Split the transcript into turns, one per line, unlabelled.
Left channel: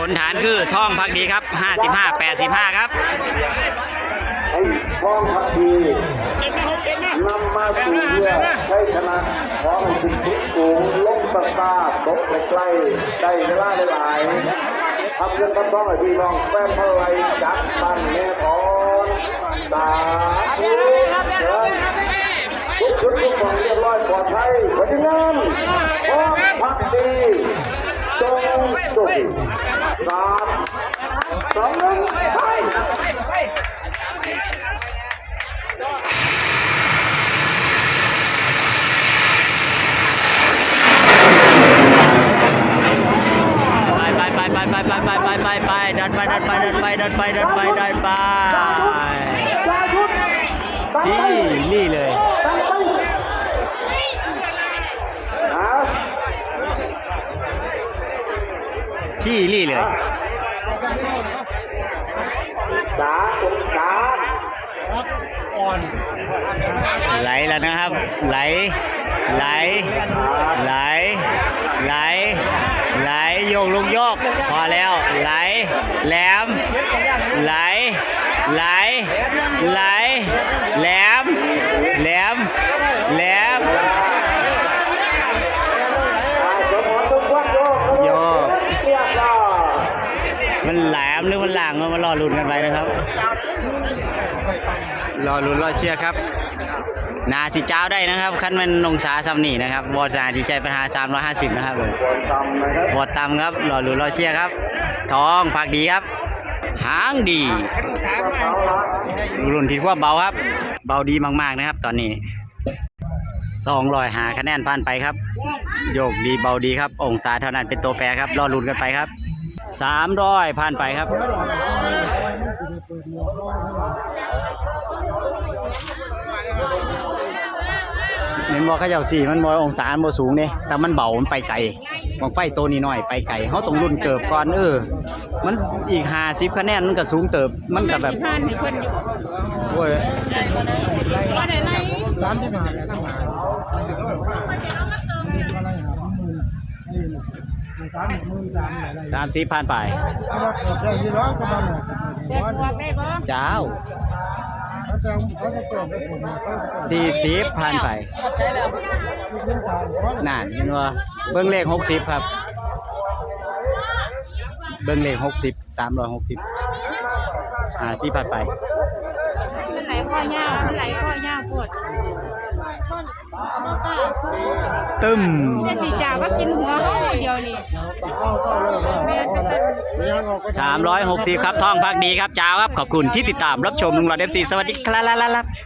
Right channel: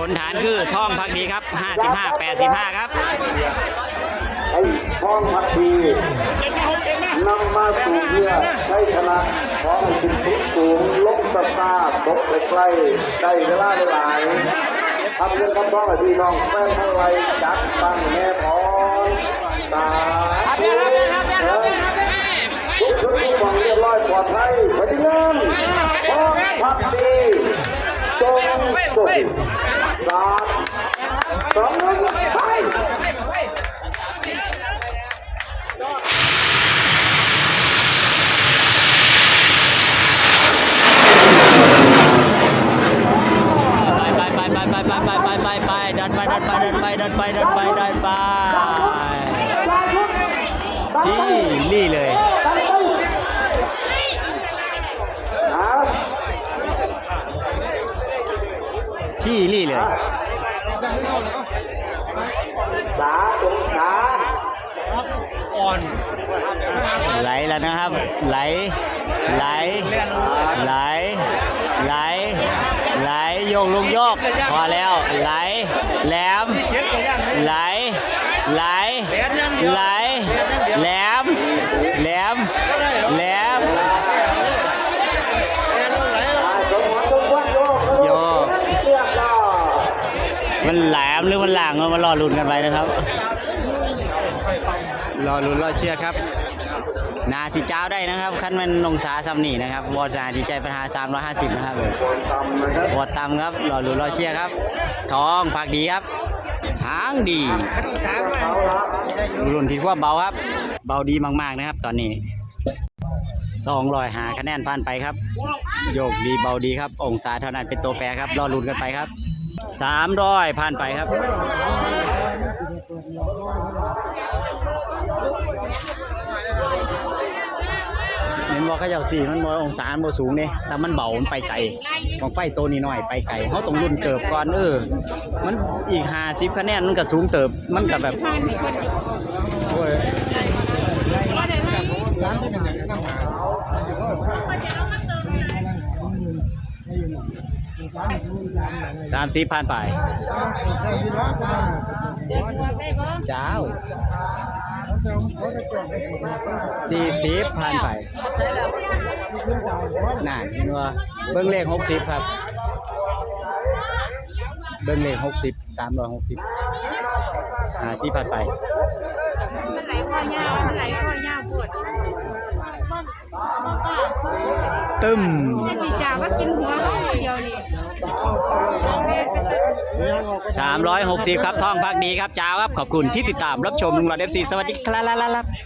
ผลฐานคือท่องพักดีครับ 55 85 ครับ
ท้องพักดีนำมาสู่เพื่อให้ชนะท้องคุณทุกสูงลงตะตาบดไปใกล้ได้เวลาหลายทำเรื่องคำร้องให้พี่น้องแฟนเท่าไรจักมันแม่ของสาธุทุกทุกคนเรียบร้อยปลอดภัยปฏิบัติท้องพักดีจง สองหนึ่งไป
ไปไปไปไปไปไปไปไปไปไปดันไปดันไปดันไปดันไปดันไปดันไปที่นี่เลย ที่นี่เลยไหลแล้วนะครับ ไหล ไหล ไหล ไหล ไหลโยกลูกโยก พอแล้ว ไหล แหลม ไหล ไหล ไหล แหลม แหลม แหลม มันแหลมหรือมันหลางก็มารอลุ้นกันไปนะครับ รอลุ้นรอเชื่อครับ นาสิเจ้าได้นะครับขั้นมันลงสาซัมนี่นะครับวอนาที่ใช้ปัญหา350นะครับผมวอต่ำครับรอลุ้นรอเชียร์ครับ ทองผักดีครับ หางดีรุ่นที่ว่าเบาครับ เบาดีมากๆนะครับ ตอนนี้สองรอยหาคะแนนผ่านไปครับ โยกดีเบาดีครับ องศาเท่านั้นเป็นตัวแปรครับ รอลุ้นกันไปครับ สามร้อยผ่านไปครับเห็นบอกเขาเจ้าสี่มันบอองศามันบ่สูงเนี่ยแต่มันเบา มันไปไกลบางไฟตัวนี้หน้อยไปไกลเขาต้องรุ่นเกิบก่อนเออ มันอีกห้าสิบคะแนนมันก็สูงเติบ มันก็แบบโอ้ย สามสิบผ่านไปเจ้าสี่สิบผ่านไปน่าเห็นว่าเบิ้งเลขหกสิบครับ เบิ้งเลขหกสิบสามร้อยหกสิบหาสิผ่านไป
มันไหลข้อยากมันไหลข้อยากปวด
ตึม
แต่สีจ่าก็กินหัวเดียวเลย
สามร้อยหกสิบครับท่องพักดีครับจ้าวครับ ขอบคุณที่ติดตามรับชมลุงหลอดเอฟซีสวัสดีครับ